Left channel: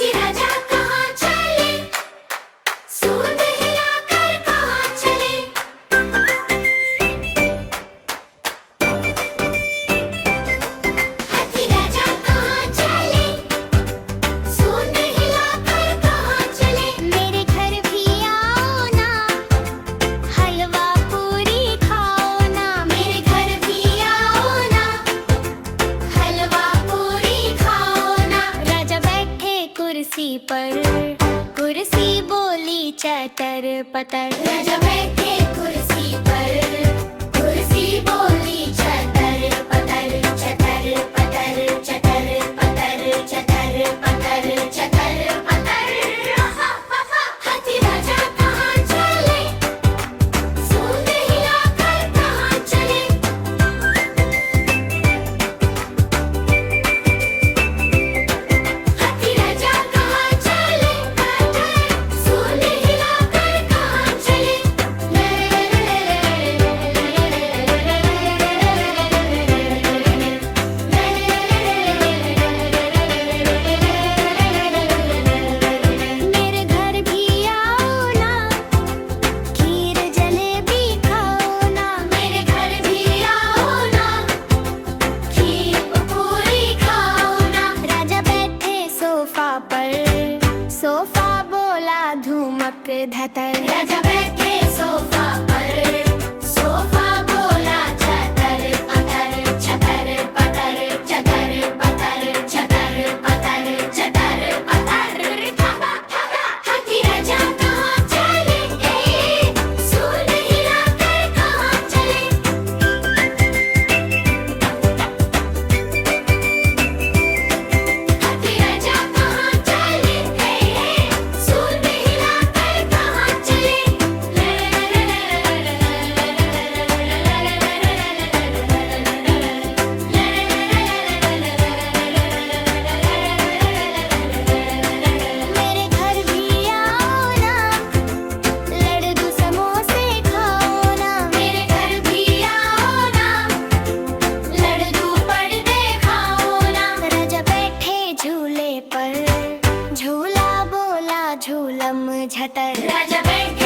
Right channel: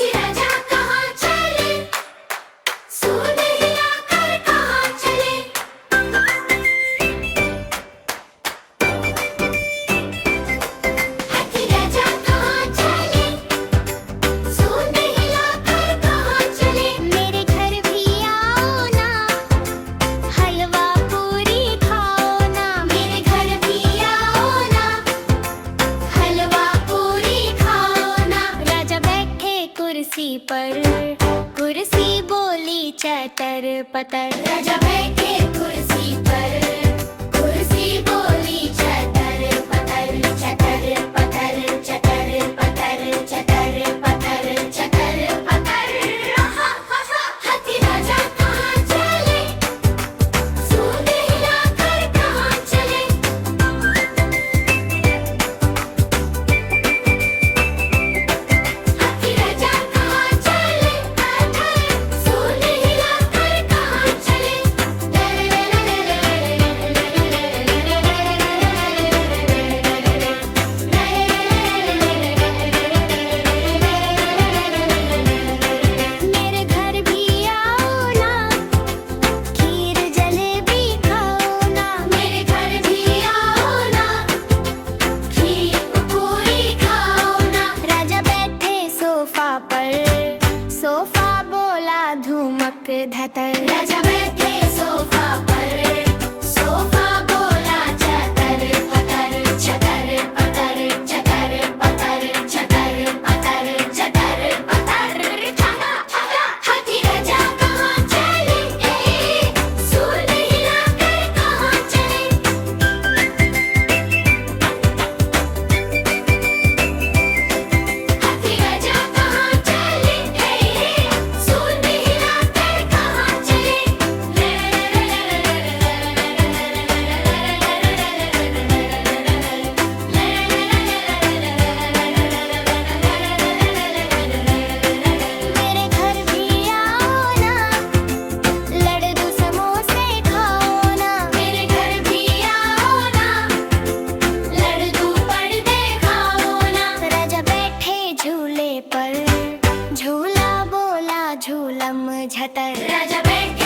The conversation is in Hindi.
हाथी राजा कहाँ चले, सूंड हिलाकर कहाँ चले। हाथी राजा कहाँ चले, सूंड हिलाकर कहाँ चले। मेरे घर भी आओ ना, हलवा पूरी खाओ ना। मेरे घर भी आओ ना, हलवा पूरी खाओ ना। राजा बैठे कुर्सी पर, कुर्सी बोली चटर पटर। राजा बैठे कुर्सी पर, कुर्सी बोली चटर पटर, चटर पटर, चटर पटर, चटर पटर, चटर पटर। हाथी राजा कहाँ चले, सूंड हिलाकर कहाँ चले। हाथी राजा कहाँ चले, सूंड हिलाकर कहाँ चले। मेरे घर भी आओ ना, खीर जलेबी खाओ ना। मेरे घर भी आओ ना, खीर पूरी खाओ ना। राजा बैठे सोफा पर, सोफा बोला धूमक धतर। राजा बैठे सोफा पर, सोफा बोला चटर पटर, चटर पटर, चटर पटर, चटर पटर, चटर पटर। ठागा ठागा हाथी राजा कहाँ चले, सूंड हिलाकर कहाँ चले। हाथी राजा कहाँ चले, सूंड हिलाकर कहाँ चले। मेरे घर भी आओ ना, लड्डू समोसे खाओ ना। मेरे घर भी आओ ना, लड्डू पड़ते खाओ ना। राजा बैठे झूले पर, झूला बोला झूलम झटर। राजा बैठे